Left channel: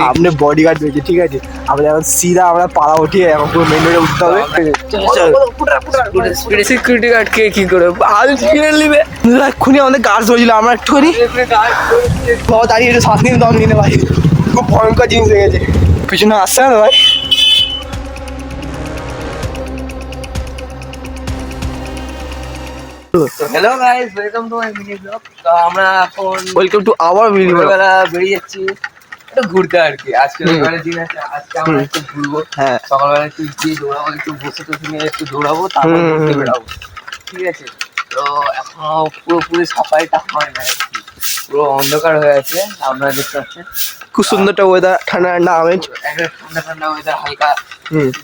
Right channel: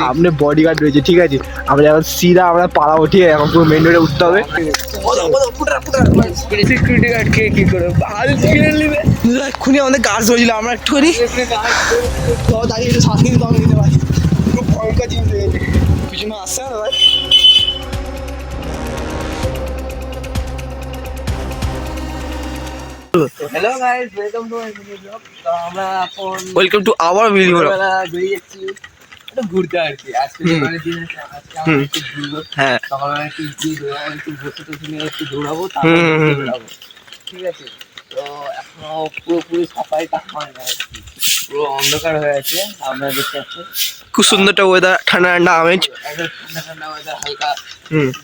সামনে বডিগার্ড রয়েছে, ঠিক আছে? আমরা এখন সিধা আমরা পাড়া উঠিয়ে এখন পুরো মেন রোডে উঠতে হবে। সিকিউরিটি গার্ডকে কি করে নিবে? এক্ষুনি আমাদের গার্ড হয়েছিল, আমরা একটুখানি দাঁড়িয়ে একটু শ্বাস নিয়ে দম নিলে ভাই, খুব ভয়ঙ্কর জিনিস হয়ে গেছে। পিছনে আসছে না ভাই? Hello guys, welcome to my mini blog. তো আমরা এখন ওয়েলকাম টু আওয়ার ভিডিও। সকালবেলা বেরিয়ে যাচ্ছি একটু ঘুরতে আর কি। আজকে রবিবারের দিন আছে, আজকে আমরা একটু ঘুরবো। হ্যাঁ, সকালবেলা একটু গিয়ে দৌড়াবো, একটু বসে টসে নিয়ে একটু দৌড়াবো, তারপর ঘুরতে বেড়াবো, ঠিক আছে? তো এখনো পুরোপুরি সাফাইটা হয় না আর কি, পুরো অন্ধকার হয়ে আছে। আপনারা দেখতে পাচ্ছেন খুব সুন্দর একটা ওয়েদার, ঠান্ডা ঠান্ডা আমেজ, একটা ঠান্ডা ঠান্ডা ওয়েদার, হালকা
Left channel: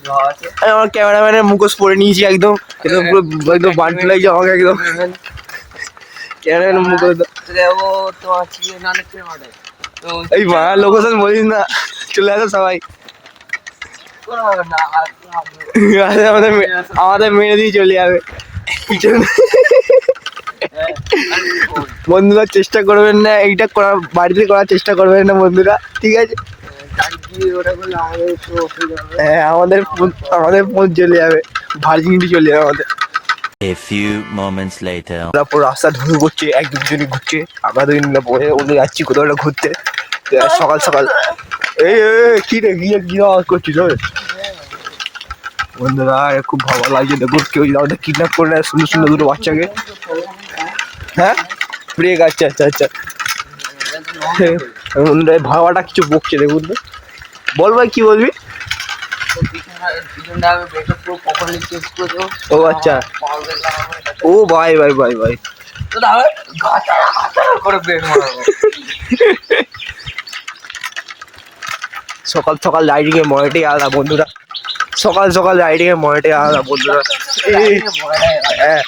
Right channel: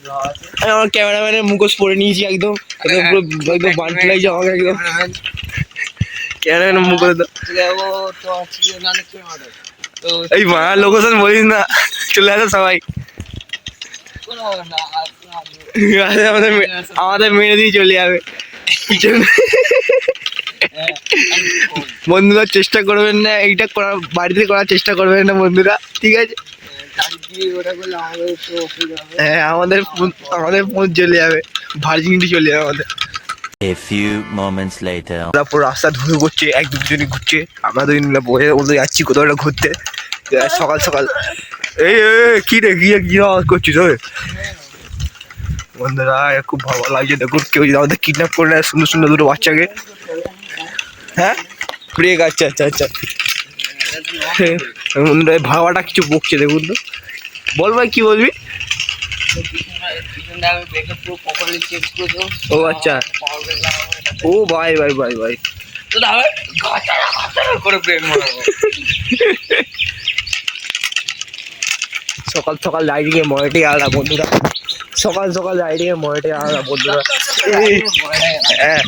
হাওয়া আছে। আমার ক্যামেরাম্যানের মুখোশ পরে নিয়েছি একদম, একদম পুরো একদম বান্টি লাগছে আমাকে একদম। ক্যামেরাম্যানের মুখোশ যাবো তোমার চিকেন গানের খেয়ে মানে। তো এই মা লোকেশন বলিস না, চলে আসে সবাই। কোনো ব্যাপার না, আমাদের মেরে দিয়ে চলে যাবে। বন্ধুরা চেষ্টা করবেন না এইটা করার, বাড়িতে করার চেষ্টা করবেন না বন্ধুরা, ঠিক আছে? হ্যাঁ, আমাদের ফোন চলে যাবে, ভার্জিনিটি চলে যাবে আমাদের। A few moments later. আমরা পুরো রাস্তা ঢুকে ঘুরছে, এক দুজনে ঘুরছে, আমরা দুজন মিলে ওদের যাচ্ছি কোথাও একটা ঘুরতে সকাল সকাল। এই কি রে, কি আওয়াজ করছিস ওই? বন্ধুরা খুব ভালো লাগছে, দেখুন কেউ যদি আমাদের কিডন্যাপ করে নেয় সুন্দর সুন্দর দুটো বাচ্চাকে। হ্যাঁ, ব্রেক, আচ্ছা আচ্ছা আচ্ছা। বন্ধুরা ভাবাটা কিছু বকছে, দেখুন তো। বল ভাই, কি বলবি? ও আচ্ছা, ও ভাই ভাই ভাই ভাই, সকাল সকাল রাইডিংয়ে মনেটাই আলাদা বন্ধুরা, সকাল সকাল রাইডিংয়ে মনেটাই আলাদা বন্ধুরা। হ্যাঁ,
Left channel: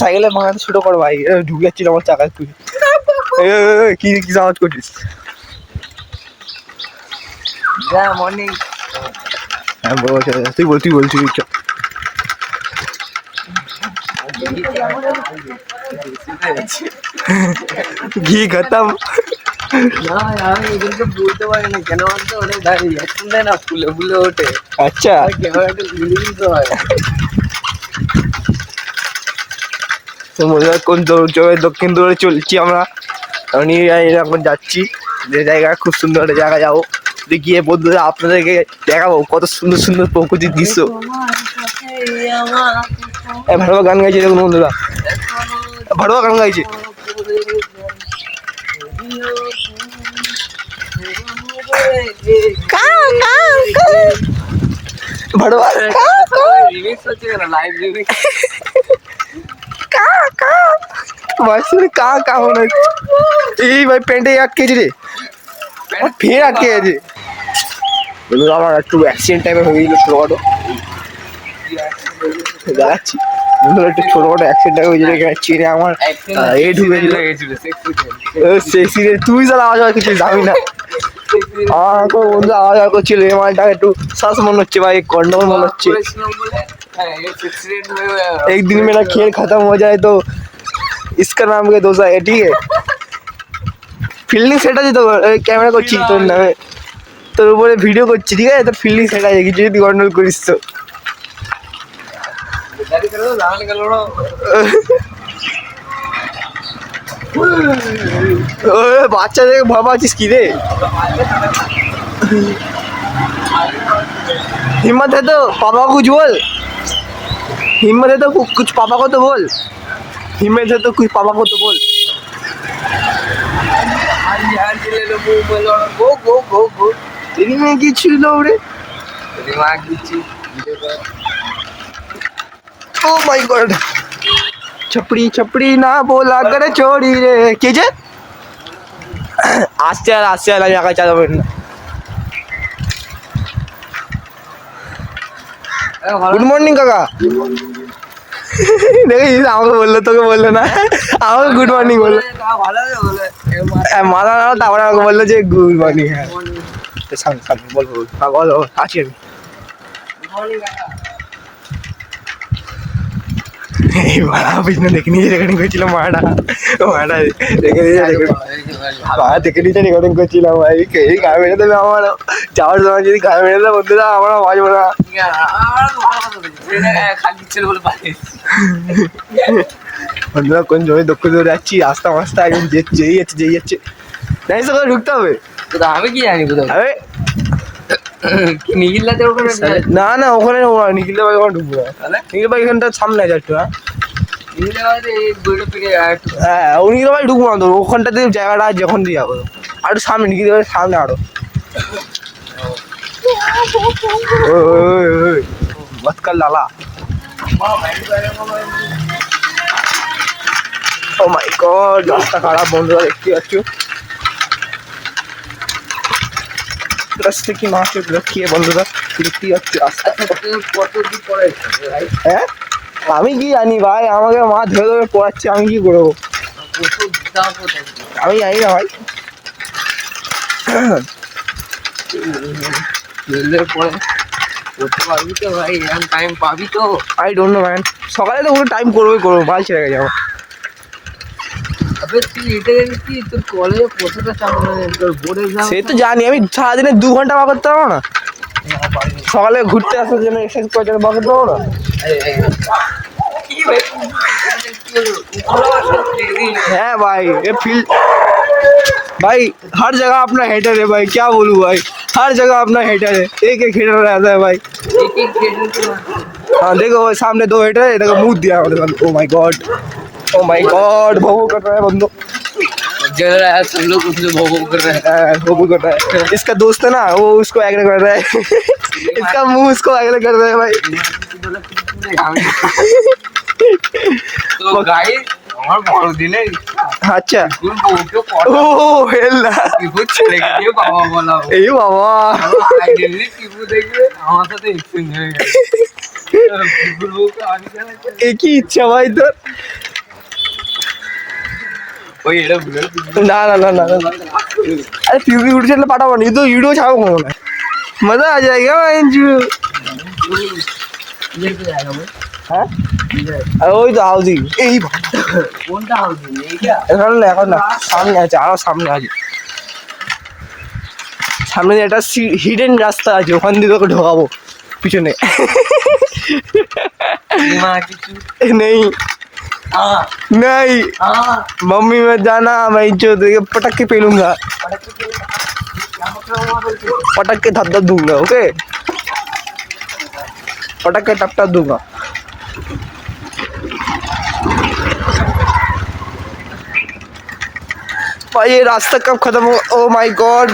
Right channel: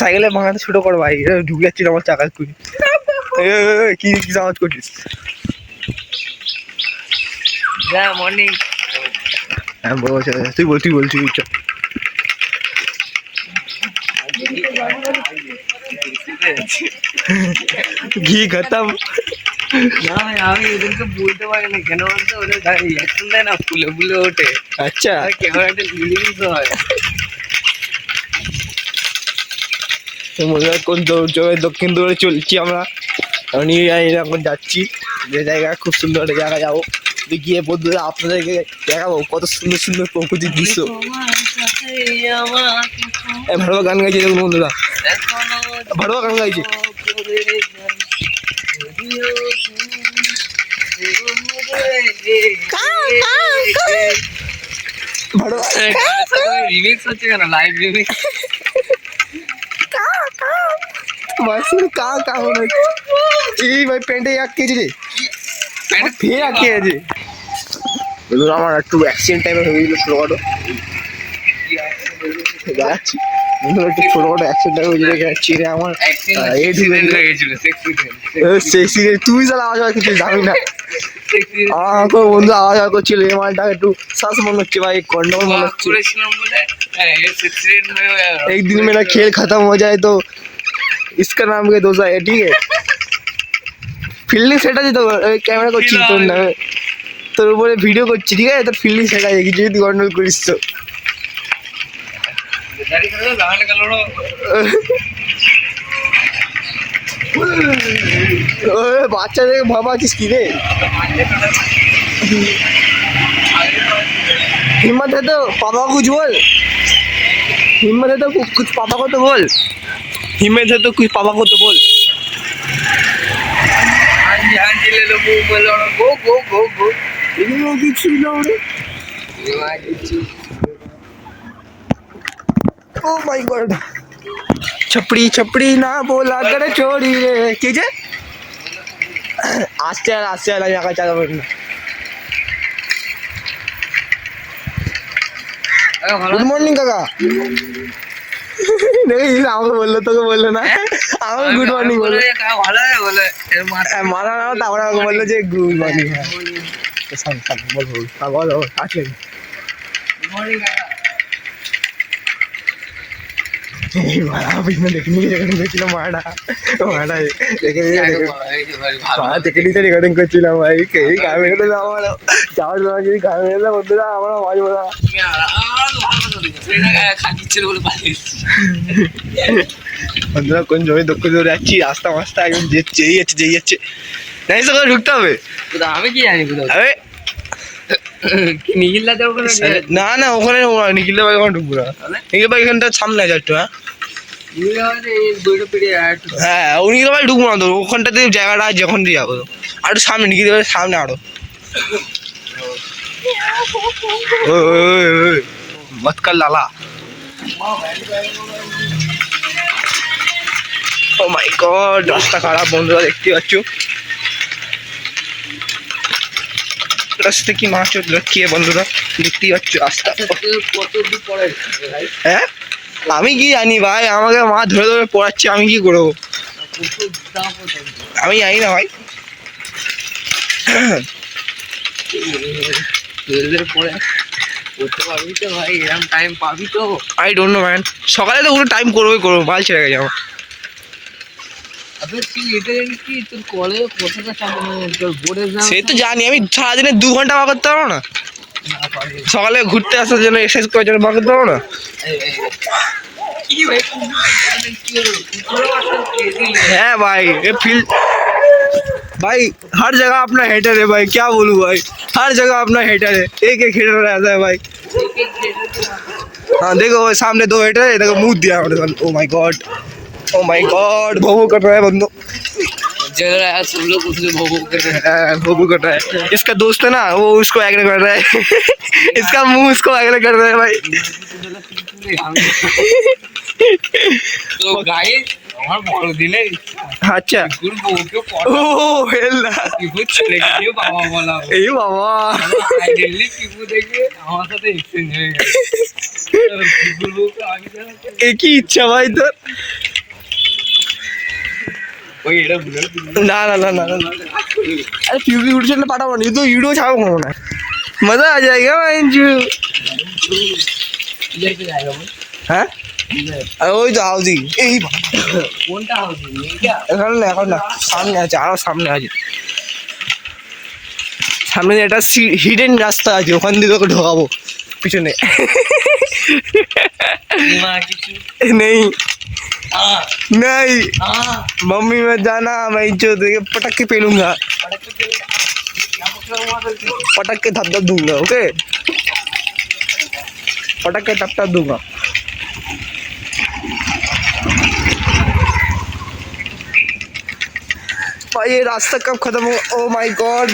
সাইকেলে মাথাটা ছোটো কর ভাই, ঢুকে যাচ্ছিল আমার চাকা খুঁজে। কি কি আওয়াজ করছিস? মর্নিং। হ্যাঁ বল, তুই বলছিস চ। ঘি খতম। না আমি এদেরকে বলতে পারি না কেন বলতো, ওরা দাঁড়িয়ে এখন দেয় না, ফুলে ফুলে ওঠে। আচ্ছা, ক্যামেরাটা লিখে দিতে হয়। তো মনে কোন দক্ষিণ দৌড়ে চলছি আমরা, আমি এখন যাচ্ছি যে জায়গা, খুব সুন্দর একটা জায়গা যাবো, গিয়ে বন্ধুরা আপনাদেরকে দেখাবো কত সুন্দর সুন্দর প্রকৃতির দৃশ্য। ভালো গান গাইছে দেখুন বন্ধুরা, ভালো গান গাইছে। রিমিক্স হচ্ছে কেন, লাইভ রিমিক্স। এই ভাই প্যান্টে আটকেছি রে, ফের আটকে আছে। আমার একটু অ্যাক্সিডেন্ট টাইপের হয়ে গেছিল ছোটোখাটো, দেখাচ্ছি ছোটোখাটো অ্যাক্সিডেন্ট টাইপের হয়ে গেছে, চিনে আমার তুই তাহলে আওয়াজ কিছু যাবি না। আমার বন্ধু আওয়াজ করছিল, এই মালটা একটু শ্বাস মনে হচ্ছে ভাই, গন্ডগোল মনে হচ্ছে। एक दिन मेरा खेल खत्म हो जाए तो इसका नाम क्या दोस्त है, ठीक है? ফিল্ডিং সেটা দিতে ক্যামেরা করছি তোর নামে, তোর উপরে ভিডিও করছি, ঠিক আছে? তোর ফিল্ডিং সেটা যায় কিছু যদি গন্ডগোল করিস তো। বাচ্চাদেরকে ভয় পাচ্ছিস কি রে? हिम्मत है तो पापा को कुछ बोल, हिम्मत है तो कुछ पापा को तो बोल, हिम्मत है तो कुछ पापा को तो बोल। কিছু রে, ও মাই গড, छपड़ी छपड़ी ना बोला कर छोड़ी रे, কে যে আসতে আর জায়গায় চালাবেন না। গুড মর্নিং কাকা, দেখিস আমাকে বললো, তোকে বললো না, আমাকে গুড মর্নিং বললো, মাথা না তারপরে আমাকে বললো যে গুড মর্নিং। বল আছে এই মারা পিছনে দেখে নিয়ে রেকর্ডিং করছিলাম মারা দেখে নিয়ে দেখে নিয়ে রেকর্ডিং করছিলাম ভাই এই গায়ে মেরে দেবে আমার যাওয়ার সময় যদি গায়ে মেরে দেবে বন্ধুরা আমরা বাজবো না বন্ধুরা কোন জমি দক্ষ দূরে যাচ্ছি রাস্তা মাস্তা একদম যেই যাচ্ছে নাই তো ঢুকতে হবে আমি কি জানি কোথাও আরে নিখিলদাদের ওখানে না ওখানে নিখিল ভাই ওখানে ঢুকবো না নিখিল ভাই এখানটা সামনে আছে একটু হ্যাঁ ও নিখিল ভাই ঢুকবো না তো ওখানটাতে জায়গাটা আছে যখন দিয়ে যাবো আরো সামনে নিখিল ভাই সামনে আরো মতকাল লালা ও মাই গড রাস্তা খারাপ বন্ধুরা দেখতে পাচ্ছ রাস্তা কি মাছ কে বন্ধুরা দেখতেই পাচ্ছ রাস্তা কত দূর পরে হ্যাঁ আমি কি জানি ভাই আমাকে মা ধরে ধরে পড়াচ্ছে আমি কি করবো আমি জানি না ভাই রেলের পরে করতে পারবি তো ভাই এরকম টাইম পাবি তো আই ডোন্ট নো ম্যান সকালে তো পুরো টাইম করবো মাল ছেড়ে গেছে আমার তুই এটা জানিস কি তোর কলেজে প্রতিটা তোর বোর্ড এক্সাম সে তো জানি আমি সারাদিনে 2 ঘন্টা বার করতে পারবো না সকালে ঘুরতে আসার জন্য এক্সারসাইজ করার জন্য বার করতে পারবো না কি ভাই हाँ भाई ये फील भाई हर जगह अपना हेटर है भाई क्या बोलूँ भाई हर जगह अपना हेटर है एक हेटर रहता है भाई हाँ देखो भाई सामने 2 हेटर है देखो मुंह दिया ओ माय गॉड भो कर रहा है बंदो जल रहा है सब लोग उससे भोगो कर रहे हैं भो कर रहा है इसका दोस्त है ना वो उसको एग्री कर रहा है इसका मुंह इसको एग्री कर रहा है भाई तो गाइस আমার বড় দিনে আচ্ছা গুরু বউকে ও হেল্লা কিবু ছেড়ে গিয়ে বাবা বলা এই বাবা আইডেন্টি কিবু দেখবে আমার সাথে এক্সচেঞ্জ হয়ে গেছে কিবুর বউকে আমি জানাচ্ছি একই ইচ্ছা ভাই তোর ওই এটা ভুলে না अरे टीवी यूट्यूब चैनल पाठा नहीं तो वीडियो छापो ना मजा आ जाएगा इंजू इधर पे जाएगा मैं হ্যাঁ আর ওই তো হাউজিং এই কোনটা হাউজিং এইটা এখন না সামনে আছে আরো সামনে আছে সামনে একটা হিডেন রাস্তা আছে ওখান দিকে ওকে ঢোকাবো পিছনে মা কিছু नहीं नहीं मम्मी मैं जाना मैं जो पटक के पहनूंगा पटक के धप दूंगा ओके पटक के टप दूंगा भाई ये रास्ता कब खत्म हो ओ माय गॉड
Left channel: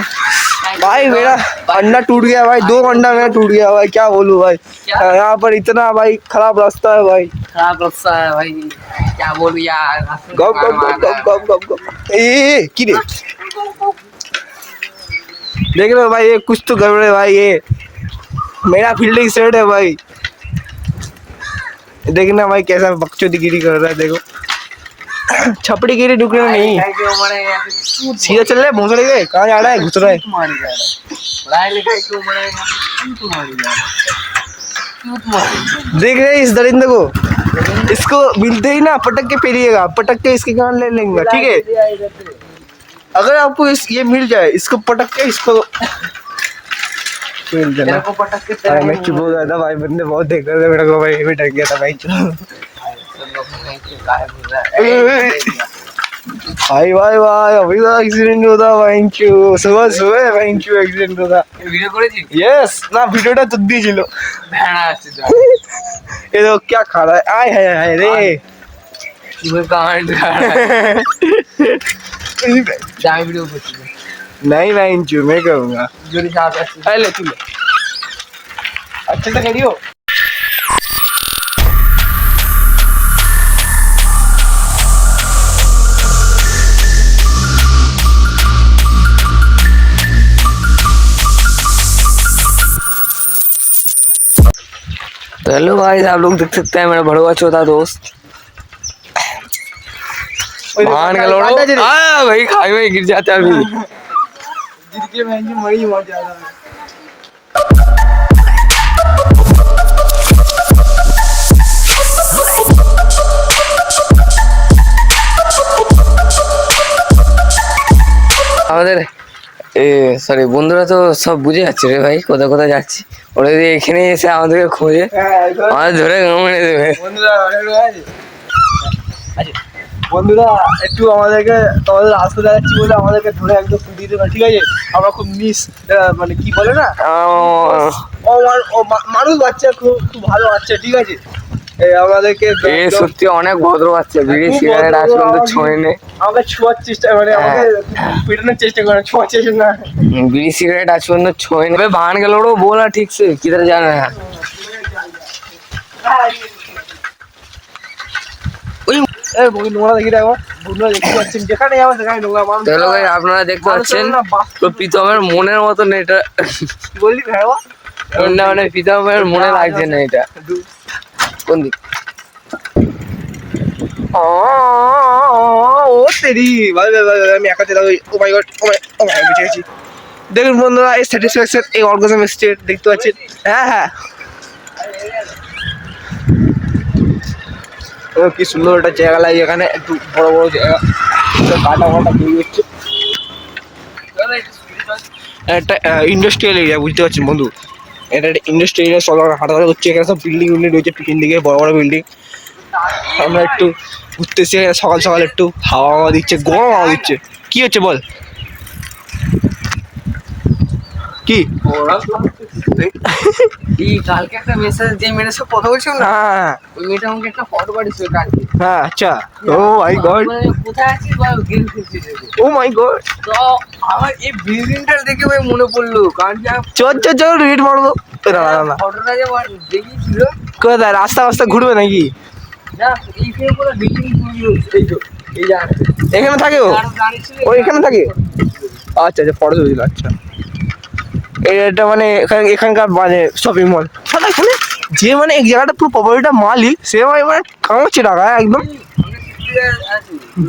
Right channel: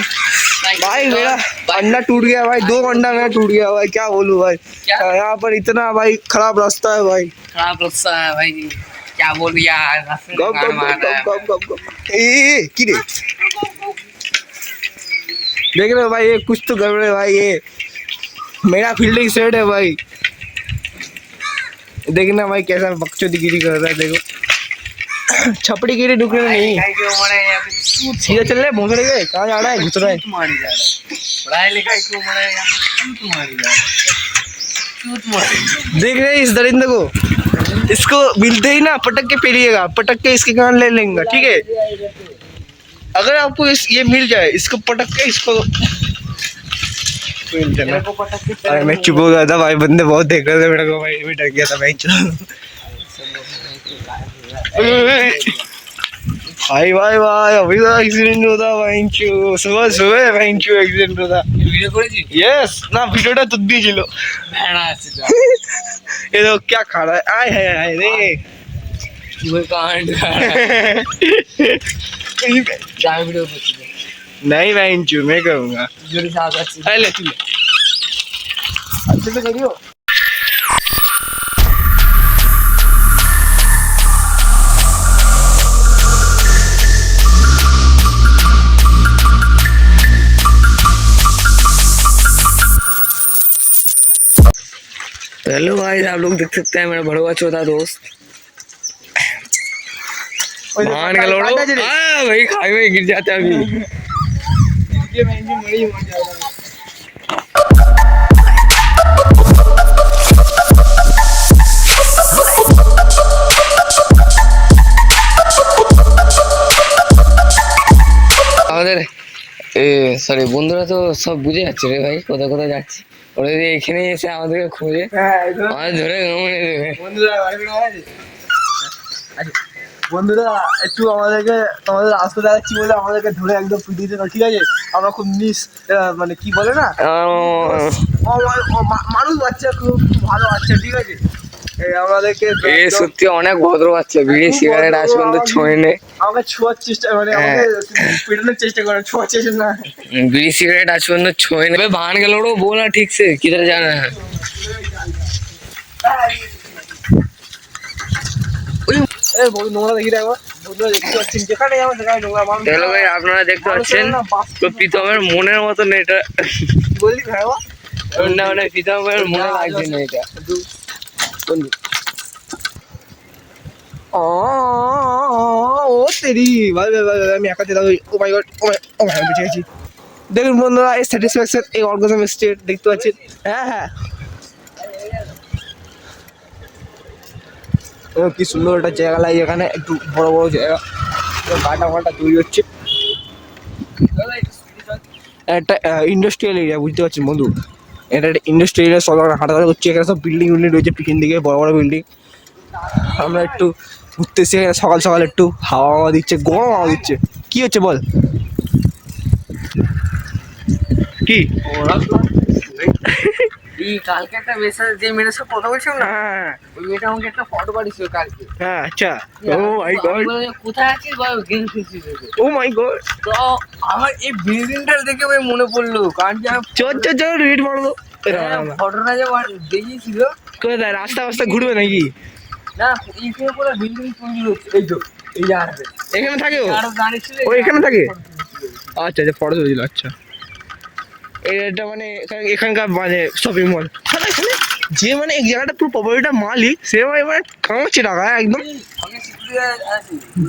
भाई मेरा अंडा टूट गया भाई 2 घंटा मेरा टूट गया भाई क्या बोलूं भाई यहाँ पर इतना भाई खराब रास्ता है भाई खराब रास्ता है भाई क्या बोल यार गप ए की रे देख लो भाई ये कुछ तो गड़बड़ है भाई ये मेरा फील्डिंग सेट है भाई देखना भाई कैसा बकचोदीगिरी कर रहा है देखो छपड़ी गिरी ढुक रहे नहीं सीधा चल रहा है भोसड़े गए कहाँ जा रहा है घुस रहा है पढ़ाई लिखाई क्यों मरे मारी जा देख रहे हैं इस दरिंदे को इसको मिलते ही ना पटक के पेरिएगा पटक के इसके कान ले लेंगे ठीक है अगर आपको ये मिल जाए इसको पटक के इसको अरे मैं चुप हो गया था भाई बंदे बहुत देख रहे थे मेरे को भाई मैं डर गया था भाई भाई अभी तो एक्सीडेंट होता भाई सुबह भाई एक्सीडेंट होता ভিডিও করেছি यस ना वीडियोটা তো দিয়েছিল ভেড়া আছে ये तो क्या खा रहा है आय हाय रे मैं कमेंट कर रहा है वीडियो করছি नहीं मैं इंचू मैं करूंगा जोरी साथ আছে ले तू ले अच्छा तो करियो तो हेलो भाई आप लोग देख सकते हैं मेरा भड़वा चौथा दोस्त मान के लोड़ो हाँ भाई खाई में गिर जाता है अभी महंगी मरी बहुत ज्यादा আমাদের সরি বন্ধুরা তো সব বুঝে যাচ্ছে রে ভাই, কোথায় কোথায় যাচ্ছি। ওরা যদি এখানে এসে আমাদেরকে খোঁজে আমাদের ধরে মেরে দেবে। বন্ধুরা আচ্ছা বন্ধুরা একটু আমাদেরকে তোমাদের রাস্তা দেখাচ্ছি বলে আমাদেরকে ধরে একদম পিটিয়ে দিল, ঠিক আছে? আমরা খুব মানে কি বলে না, মানুষ বাচ্চা, খুব খুব ভালো বাচ্চা, ঠিক আছে? আমাদেরকে সত্যি অনেক ভদ্র বাচ্চা, বিড়ি সিগারেট আজ পর্যন্ত ছোঁয় নেই। আমাকে ছোঁয়ার চেষ্টা, মানে আমাকে পেটানোর চেষ্টা করে, ছোঁয়ার চেষ্টা না। বিড়ি সিগারেট আজ পর্যন্ত ছোঁয় নেই। ভান গেল ওরও বল না ঠিক সে কিধার জানে না। আপনারা দেখতে পাচ্ছেন তো প্রীতমের মনের মতন এটা, বললি না মানে প্রীতমের মনে লাগছে না এটা। কোন দিক? ও তেরি ভাই ভাই ভাই, আমি একা চলে, ও মাই গড, ও মাই বেঁচে গেছি। দেখুন বন্ধুরা এই স্যাটিসফ্যাকশন, এই অর্গাজম স্টেট দেখতে পাচ্ছেন। হ্যাঁ হ্যাঁ, কি সুন্দর একটা জায়গা লাগে এখানে, একটু বড় বড় জায়গা, কাটা কাটা তৈরি হচ্ছে। একটা ইন্ডাস্ট্রিয়াল এরিয়া, বুঝতে পারছেন বন্ধু? এটা একটা ইন্ডাস্ট্রিয়াল এরিয়া, সব হাঁটাহাঁটা হচ্ছে, এখানে সব বিল্ডিং রয়েছে পিছন দিকে, বড় বড় বিল্ডিং। আমরা একটু ঘুরতে এসে সকাল সকাল একটু হাওয়া দিচ্ছে, গরম হাওয়া দিচ্ছে। কি হচ্ছে বল, কি? কালকে একটা মেসেজ, যে মেয়েটার সাথে কথা বলছিলাম না, হ্যাঁ ওই মেয়েটা আমাকে একটা ফটো পাঠিয়েছিল কালকে। হ্যাঁ, আচ্ছা। ও মাই গড, কোথায় আছিস বা গেম খেলছিস? ও মাই গড। তো আমার এই বিল্ডিংটা দেখে ভাই মনে পড়লো, কারণ কি চল রেড মারবো। না না না, ফটোটা যে দেখিয়েছিল, কোথায় রাস্তা রাস্তা ঘুরবে নাকি? না এইখানে পুরো বিল্ডিং তৈরি হচ্ছে। এই তো এই যে এখানে থাকে ও, ও এখানে থাকে। আচ্ছা আচ্ছা, ফটো তুলে দিল। আচ্ছা, এটা মানে এখানকার মানে শপিং মল। এখানে যে মানে এই জায়গাটা পুরো প্রপার্টিটা মালিক, সে মানে কামাচ্ছে টাকা একদম,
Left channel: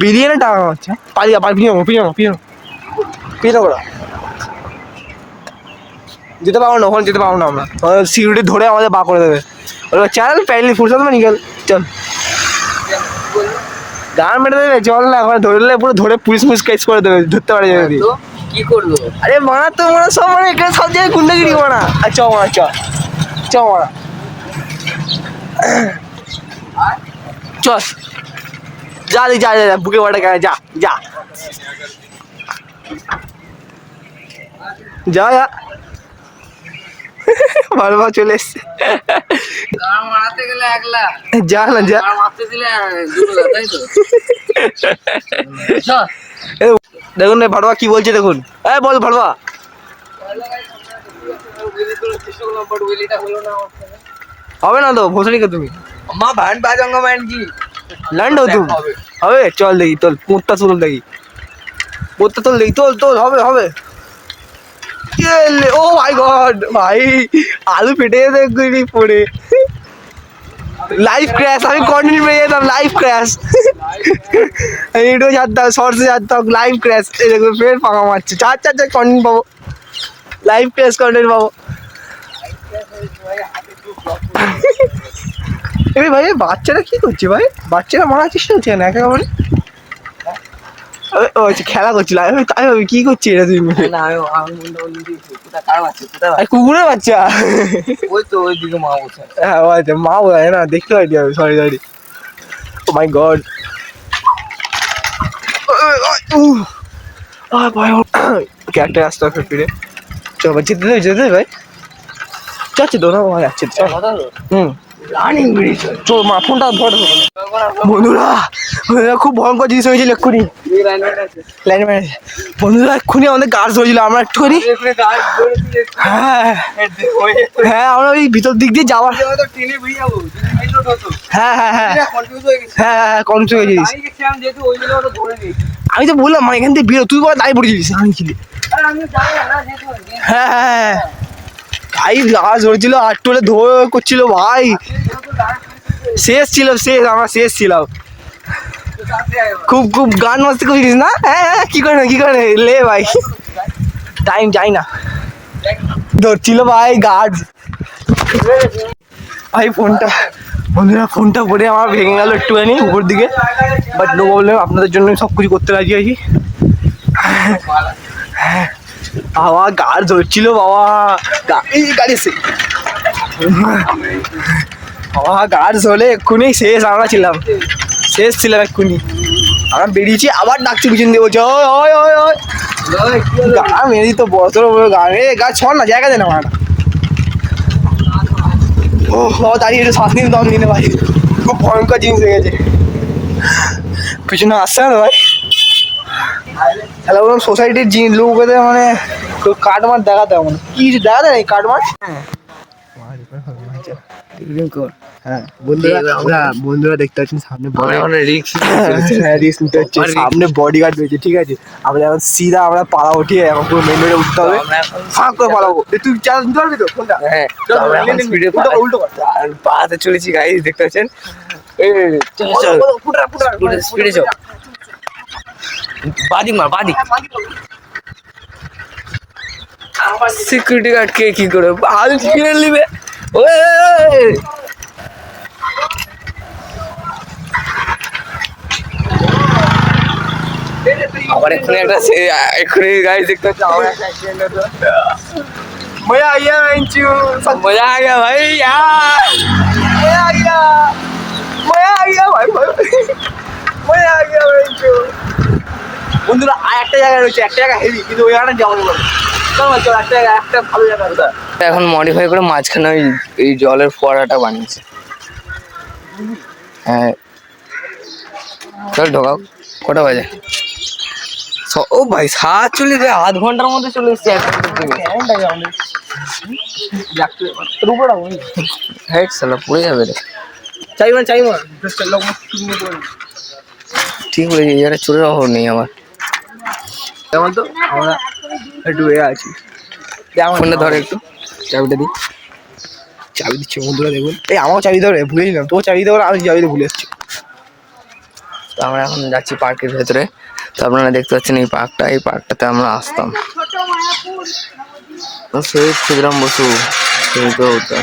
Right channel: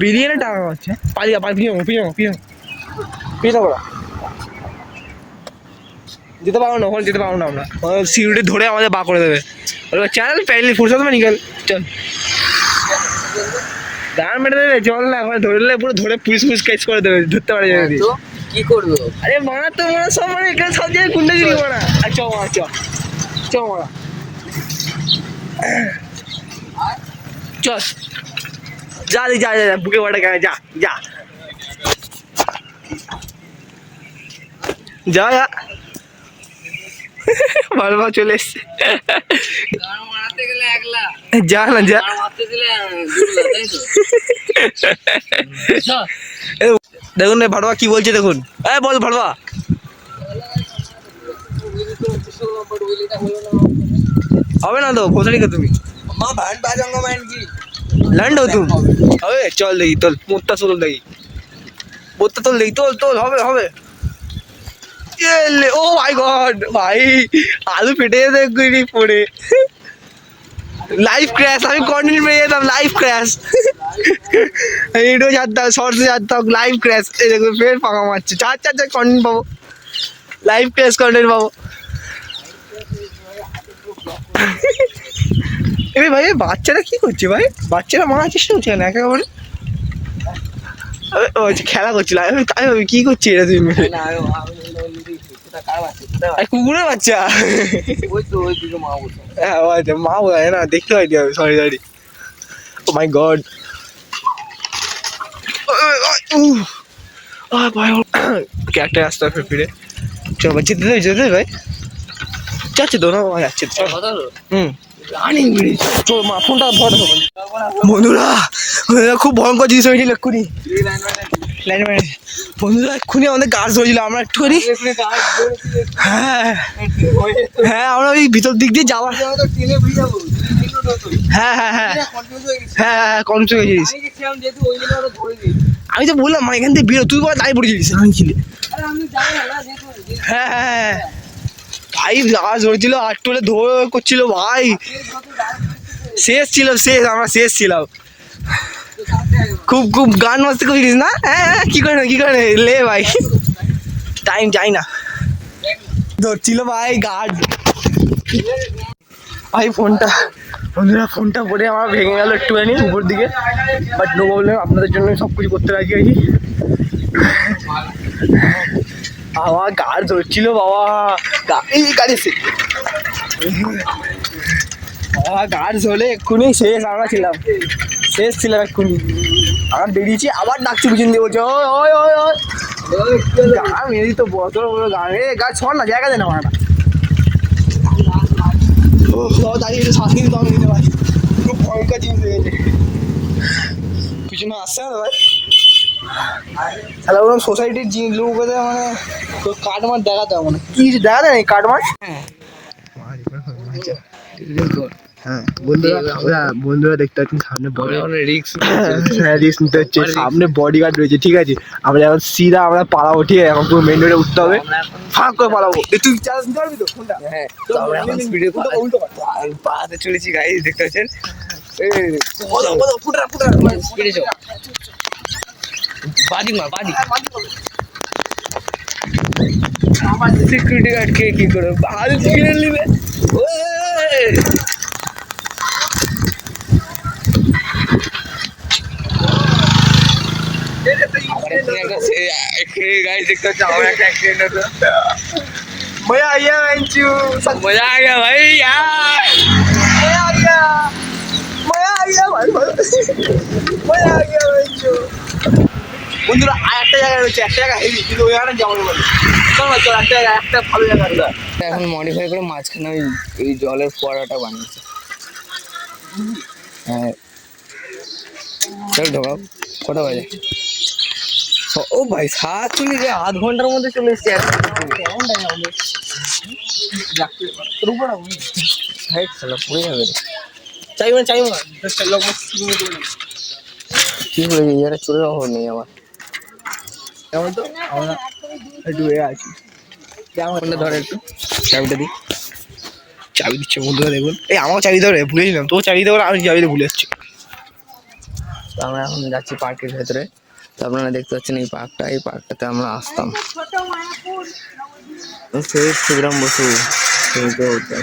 বিলিয়নে টাকা কামাচ্ছে। পিছনে যেতে পারবো না, ওখানে যেতে পারবো না আমরা, সিকিউরিটি ধরে আমাদের বার করে দেবে। ওরা চাল প্যালি ফুরসাদ মানে নিকেল, চল গান মেরে দেবে, চল না, ওখানে ধরলে পুরো ধরে পুলিশ কেস করে দেবে, ধরতে পারে যদি। কি করলো? আরে মারা তো মারা সব, মানে এখানে সব জায়গায় গুন্ডাগিরি মারা। আচ্ছা মারা, চ মারা, চল যা যা যা, বুকে বাটা গেলে যা যা যা যা, ভালো ভালো চলে এসছে। মারাতে গেলে 1 লাখ, যা না যা, মারতে দিলে 2 লাখ, তাই তো? দেখুন না ভাড়বা কি বলছে, দেখুন। বল ভাড়বা। হবে না তো, বসে নিকে তুমি মা ব্যান্ড বাজাঙ্গা ম্যান কি ল্যান্ড হো তুমি, হবে? চল দেখি, তোর পোঁতটা তুল দেখি, পোঁতটা তুল দেখি, তোল হবে। ও মাই গড ভাই, আলু ফেটে যেতে পড়ে, লাইভ ক্র্যাশ। আমি কন্টেন্ট পেয়ে যেতাম, লাইভ ক্র্যাশ, ভিডিও ছাড়তাম, শর্টসে ছাড়তাম, লাইভ ক্র্যাশ। এই দেখো ফের পাকা মারছে, চার কন্টেন্ট পাবো, লাইভ ক্র্যাশ কন্টেন্ট পাবো। এই ভাই বাচ্চারা কি করছে ভাই, বাচ্চারা মারার চেষ্টা করছে না একেবারে। ও আচ্ছা, খেলা করছিল। আমি কি করছি এটা তুমি? কুকুরের বাচ্চা, ওই তো ওইদিকে মা বসে। হ্যাঁ আচ্ছা, মা বোঝায় না, দেখতে পাইনি আমি, সরি। ও মাই গড, ক্যারেক্টার আসতে হবে ফিরে। চল ভাই, যেতে ভাই, যাচ্ছে তো না ভাই, যাচ্ছে চল। রানিং ব্রিজ, চল মা, ফোনটা ধর। বন্ধুরা খুব ভয়ঙ্কর জিনিস হয়েছিল এক্ষুনি, বন্ধুরা এক্ষুনি আমাদের গাছ ধরেছিল, আমরা একটুখানি, হ্যাঁ আমরা ওই ভিতর দিক দিয়ে যাওয়ার, হ্যাঁ কনফিউজ হয়ে গেছিস। আমি তো বললাম মানে এখান থেকে বেরো, তুই বলে দাঁড়িয়ে পড়েছিলিস ছিলে। হ্যাঁ ভাই, গাছ ধরেছিল, আটটোলে ধরে করছিল ভাই, শেষ আমরা শেষ ছিলাম। খুব গান মাস্তি করিস না? হ্যাঁ কি করে লে ভাই, টাইম যাই না, ধরছিল ভাই গাছ। ভাই ফোনটা পরে আমার ভেঙে গেল একটুখানি উপর দিকে, বাট নো প্রবলেম, আপনাদের জন্য সব কিছু করতে রাজি আছি। আমার গাড় ধরছিল বাবা, গাড়ি সে বাবা গাড় ধরলে এক্ষুনি শেষ, আমরা ছিলাম শেষ ছিলাম এক্ষুনি। আমরা বেরিয়েছি, আবার ডাকছি পিছন দিয়ে, বলছে ওই ওই ওই ওই গা মেরি তো বড় বড় গা রে, গা ছড় না, জায়গা দে না আমার। ও দাঁড়িয়ে একটু শ্বাস নিন, দম নিনে ভাই, খুব ভয়ঙ্কর জিনিস হয়ে গেছে। পিছনে আসছে না ভাই, তাহলে বললাম সোসাইটির লোকদের মানে কাটমার দেখাতে হবে, কি কিছু দেখা দেয় কাটমার। হ্যাঁ বন্ধুরা দেখতে পাচ্ছেন সামনে রিস্ক নিতে হচ্ছে, সামনে বডিগার্ড রয়েছে, ঠিক আছে। আমরা এখন সিধা আমরা পালাবো, ঠিক আছে, এখন পুরো মেন রোডে উঠতে হবে, ফাঁক করে পালাবো। তুই চার্জ নিতে পারবি তো ফোনটা? হ্যাঁ, উল্টো পাড়াতে চলেছি গাইস, দেখতে পাচ্ছেন। স্পিডে চল, বাদি মার বাদি। আমার সিকিউরিটি গার্ড কে কি করে ভাল কিনে নিবে? ওই আমার এক্ষুনি গাড়ি দেখতে হচ্ছে, আমার একটা অ্যাক্সিডেন্ট হলো। मजा आ गया बेंचू, मजा आ गया भाई, मजा आ गया, मजा आ गया भाई, मजा आ गया बेंचू। বন্ধুরা আর একটা জায়গা রয়েছে, একটা জায়গা হেভি, কিন্তু ওই জায়গাটা যাবো না। চল একটা ভালো জায়গা। এখন মডিফাই করে মাঝখানে এই জলের ফোয়ারাটা বানিয়েছে। হ্যাঁ চল ঢোকাও, কটা বাজে? ও ভাই 47, আধ ঘন্টার মধ্যে চলে এসছে। হেড সালা পড়ে যাবে রে। চাই ঠিক বলেছি, এটা চলে যাওয়ার নেই আমার। যেমন তো আমরা একটু এ আছি, ফোনটা ধরে একটু, চাবিটা দিই। চাবি দিচ্ছে বন্ধুরা, দেখুন এই আমার চাবি ধরে ভুলে নিলাম, তোর চাবি দেওয়ার আমি চাবিতে ভুলে এসছি। তো আমরা এখন যাচ্ছি পার্কের ভেতরে। তো আপনারা দেখতে পাচ্ছেন এই পার্কটাতে আমরা আসতাম। সেই ক্ষুদ্রাম বসু তো হতো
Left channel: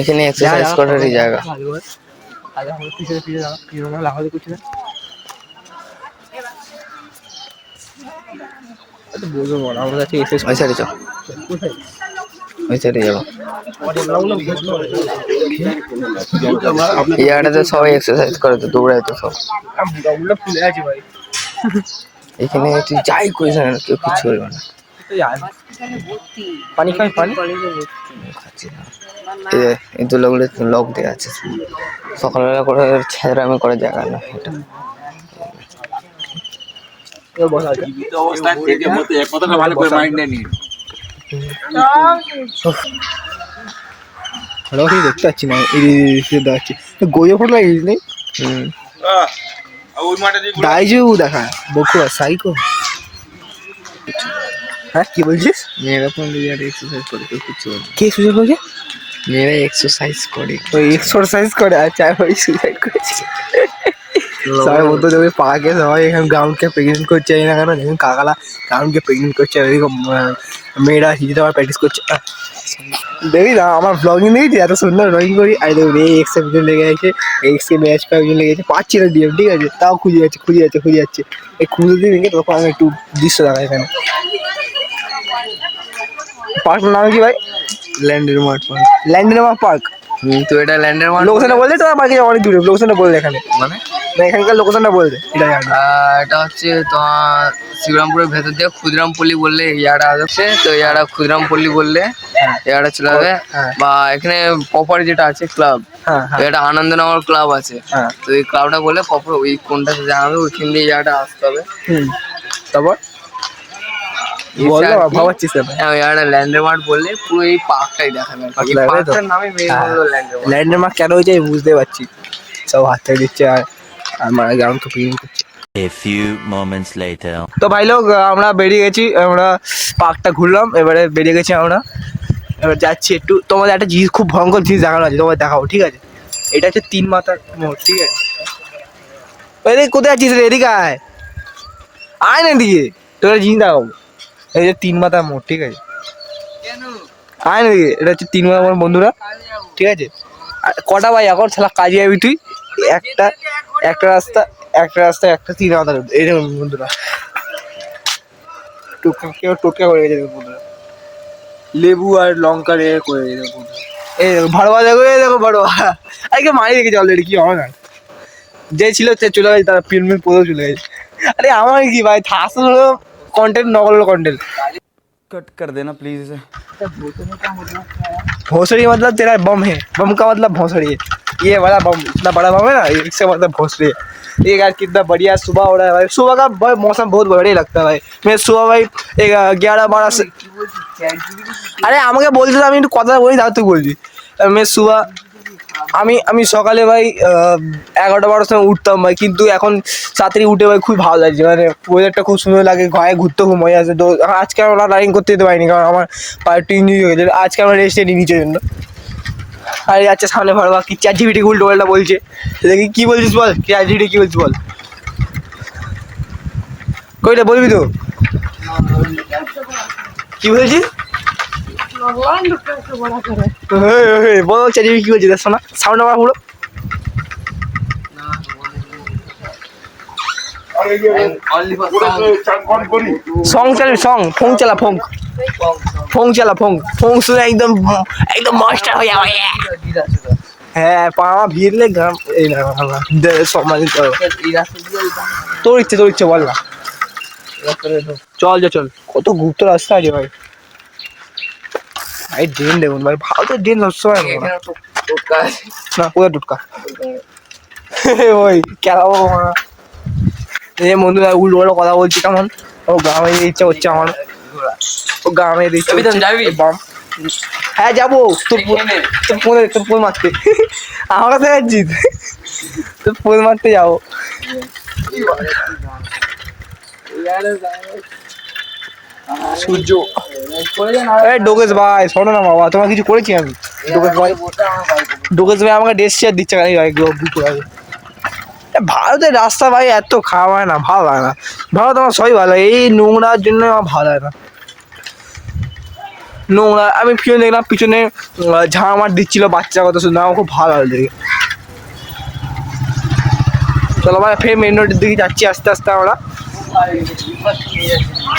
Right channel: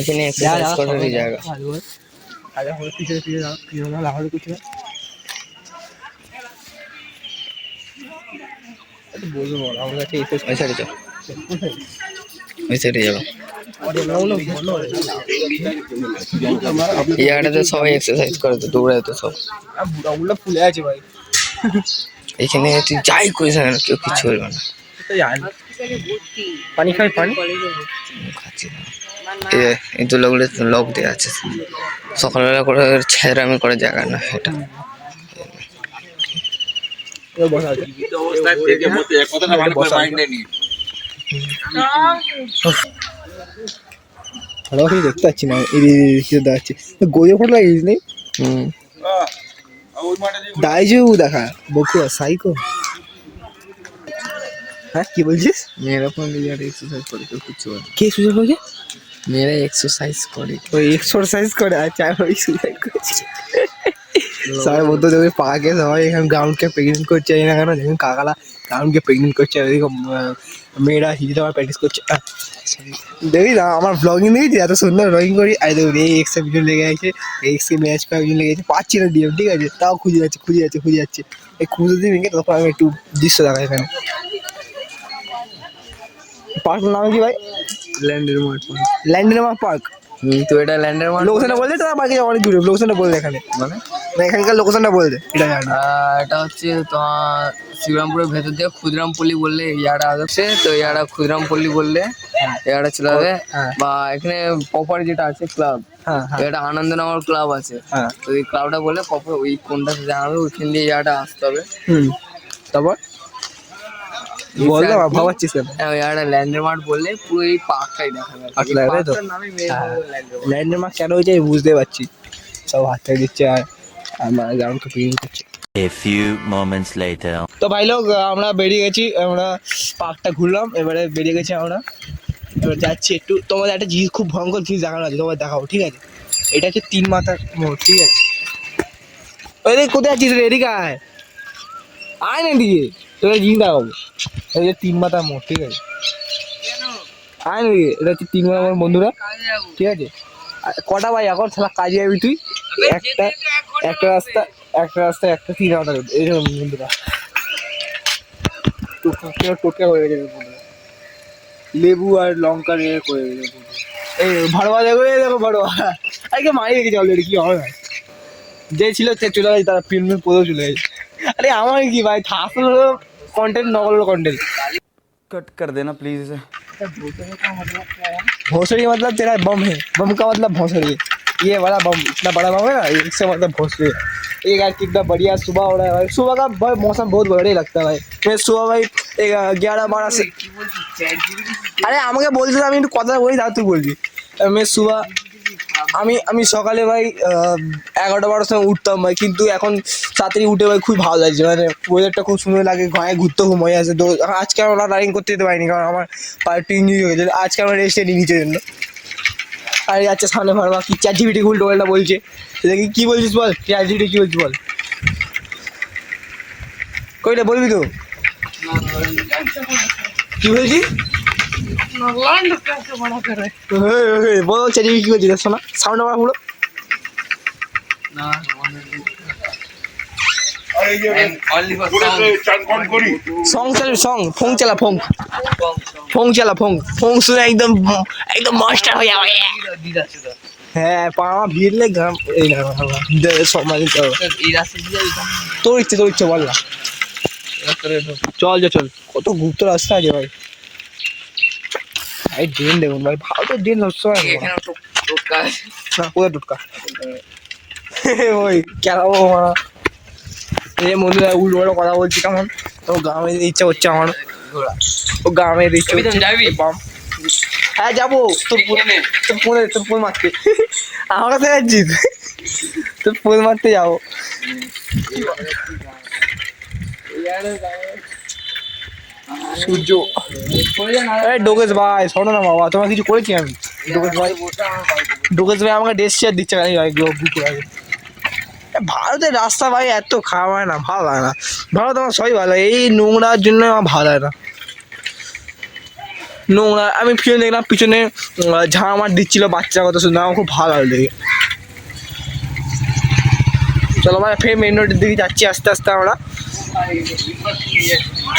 এখানে এক্সারসাইজ করারই জায়গা। এই জায়গাটাতে সবাই এক্সারসাইজ করে, তো দৌড়ায় তো সব। ফুলে আছে ভাই, এখানে তুই যাই করিস না কেউ কিছু বলবে না। পানি খাই, পানি এই দোলাগুলো লক দেওয়া আছে, সকালবেলা করে ছেঁড়ামি করে জায়গা না এটা। দেখতে পাচ্ছি না, দেখাচ্ছি গইয়ে ফুট লাগিস নেই দাইজু দেখা বকো সাইকো। হ্যাঁ কি বলছিস? মেয়েরা ফোন দিয়ে এক্সারসাইজ করে, কেউ কিছু কে সুযোগ হয়েছে? মেয়েরা এক্সারসাইজ করে, ওই এক্সারসাইজ করে, আচ্ছা ওই সুযোগ করেছি। সবাই বলতো দেখবি পাকে সবাই এখানে গ্রাউন্ডকে প্রেগনেন্ট করছে, এই না কেন দেখুন কাকালা গ্রাউন্ডকে প্রেগনেন্ট করছে, ওইরকম মেয়েরা হিজে দেওয়ার প্র্যাকটিস করছে। দেখি না আমার ব্লগিং দেখেছি, এত সুন্দর ড্রয়িং করি। আর দেখুন এই এক্সে পিছন লেগে আছে, এক্সে ম্যাচ একজন লেগে গেছে, পাচ্ছি না ডিএম, ঠিক আছে, তাও খুঁজে যাচ্ছে। এই খুঁজে দিয়ে ভেঙে তখন আমি একটু দৃশ্য দেখা এখানে। পার্কটার নাম কি ভাই? Landmark park. Landmark park. তো এটা ল্যান্ডমার্ক লোকেশনটা বললে তো আমার কাছে অনেক দূরে, লোকেশনটা বললে এখানে, মানে এখানকার লোকেশনটা বলতে। এটা জানি এটা হচ্ছে তোমার শিবরামপুরের ভেতর দিয়ে ক্ষুদিরামপল্লী বললে এই জায়গাটা আসছে। তো এই জায়গাটা ক্ষুদিরামপল্লী বললে এই জায়গাটা চলে যাবে। বা এখানে প্রপার যেটা আছে ক্লাব, তো এটা আনন্দনগর ক্লাব আছে। তো এই ক্লাবটা বললে প্রপার ওই কোনটা জানাবে, ওইখান দিয়ে এই জায়গাটা আসতে হবে। তারপর ভাবাচ্ছিস ল্যান্ডমার্ক বললে পুরো এই পার্কটাই দেখাবে। পার্কটার নামই ল্যান্ডমার্ক কেন হয়েছে আমি বুঝতে পারছি, সব হাত থেকে দিচ্ছে আর আমার গ্রাউন্ড তো ক্লিন করছে। A few moments later. তো ভাই লোক আমরা বেরিয়ে গেছি, আমরা পার্কটা ঘুরলাম, এবারে বেরিয়ে গেছি আমরা, এবার যাচ্ছি একটু। তোমাদের একটা জিনিস খুব ভয়ঙ্কর জিনিস দেখানো আছে, তোমাদের দেখাবো, ঠিক আছে? এটা হচ্ছে 3 মাথার মোড়, ঠিক আছে? কোথায় আছিস রে? এদিকে আয় না দিকে, তোর জিনিস দেখাবো। এই যে 3 মাথার মোড়, ঠিক আছে? আয় না দিকে, এটা হচ্ছে 3 মাথার মোড় বন্ধুরা, ঠিক আছে? কটা ভাই এখন শালা কাজে যাবি তুই? একটা রাস্তা একটা 3 আলাদা রোড এইরকম বন্ধুরা। টোটকা করে গেছে বন্ধুরা, লেবু আর লঙ্কা রেখে করে গেছে বন্ধুরা। এই দেখো ভাড়া দেখো, এই দেখো ভাড়া আজকে মারি রেখেছে অলরেডি, কি হবে না যে ছিল সে চলে গেছে, তারা ফিল্ম পড়েও চলে গেছে। আরে আমার কি ভাই, আসল হলো কন্টেন্ট, নকল হলো কন্টেন্ট। कट कर देना प्लीज इसे। भोसड़ी मतलब तेरा बम है, बम का मतलब भोसड़ी है। ये वाला बम इतना बड़ा बम है ना, इससे मतलब भोसड़ी है। ये यार कितना बढ़िया सुबह हो रहा है भाई, सुबह का भाई मौसम बहुत बढ़िया लगता है भाई। मैं सुबह भाई 11-12 से, আরে আমাকে বলছিলাম আমি একটু কথা বলি, তার তুই বলছি। আমি সুবা আমি সকালে ভাই 11-12 সময় উঠতাম ভাই, কিন্তু এখন তাড়াতাড়ি উঠে ভাই খুব ভালো লাগছে, মানে ওয়েদারটা খুব সুন্দর লাগে, গায়ে ঘুরতে খুব মজা আসে। তো আজকে আমরা রানিং করতে যেতে পারিনি, কারণ আমার পায়ে একটু ইঞ্জুরি হয়ে গেছে, আজকে আমরা রেস্টে নিই নিচের জন্য। আর যাচ্ছে সামনে ভাড়া কি ChatGPT উল্টো পাল্টা বলছে, দেখি কী বলছিস বল, ChatGPT কী বলছিস বল, কইটা বলবি তো কী বলছিস? বল ChatGPT কী বলছিস, শোনা সাউন্ড আমার পুরো। সং চালা সং, ফোং চালা ফোং, ফোং চালা ফোং, ফোং শুনে একদম একদম মাস্টার হয়ে যাবে। হ্যাঁ পাওয়া ভিড়লে গ্রাম এই না সম্মানিত। তোর ইচ্ছে বল না, চল কত গুপ্ত রাস্তা আছে ভাই। এই ড্রেন দেখুন ভাই, ভারতের ড্রেন সবসময় না, কোথায় টুটকা ওই কেমন এই বন্ধুরা উল্টো কথা বলছি, কেমন ও গ্রামে ইচ্ছে হচ্ছে আমার, ও গ্রামে দেখছি যাবি? হ্যাঁ যাবো, তোর পোল মারতে, আমার কাছে যাচ্ছিস, তোর পোল মারতে যাবো। সূর্য ডোকেশ ভাই শোনো না বাবা, তোমার কিছু করেছি আমি? ডোকেশ ভাই আমাকে ড্রেস শেয়ার দিচ্ছে ভারতের রাস্তা ভাই এত খাওয়া হয় না, ভালো লাগে না। ভারত আমার সবই ভালো লাগে, এই নোংরার জন্য আমার ভালো লাগে না, নোংরা। আমি পিছনে দেখলাম, পিছনে ঝাঁ আমার দিচ্ছিল বাচ্চা কথা শুনে, আমার খুব ভালো লাগে। চলো ভাই ফের মেন রোডের দিকে যাচ্ছি আস্তে আস্তে আমরা।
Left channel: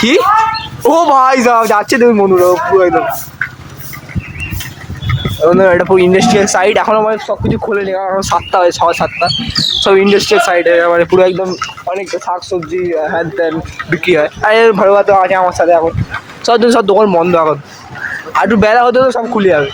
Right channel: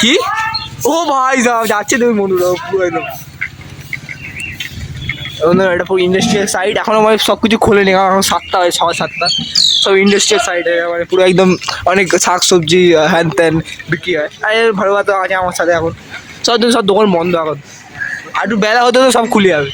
কি ও ভাই যাচ্ছে তুমি মনুরা পুরো একদম, এটা পুরো ইন্ডাস্ট্রিয়াল সাইড। এখন আমার সব কিছু খোলে নি, কারণ 7টা হয়, 7:30 সব ইন্ডাস্ট্রিয়াল সাইডে, এবারে পুরো একদম অনেক শাক সবজি হ্যান ত্যান বিক্রি হয়। আর ভালো কথা আছে আমার সাথে, এখন সব দোকান বন্ধ এখন, আর একটু বেলা হতে সব খুলে যাবে।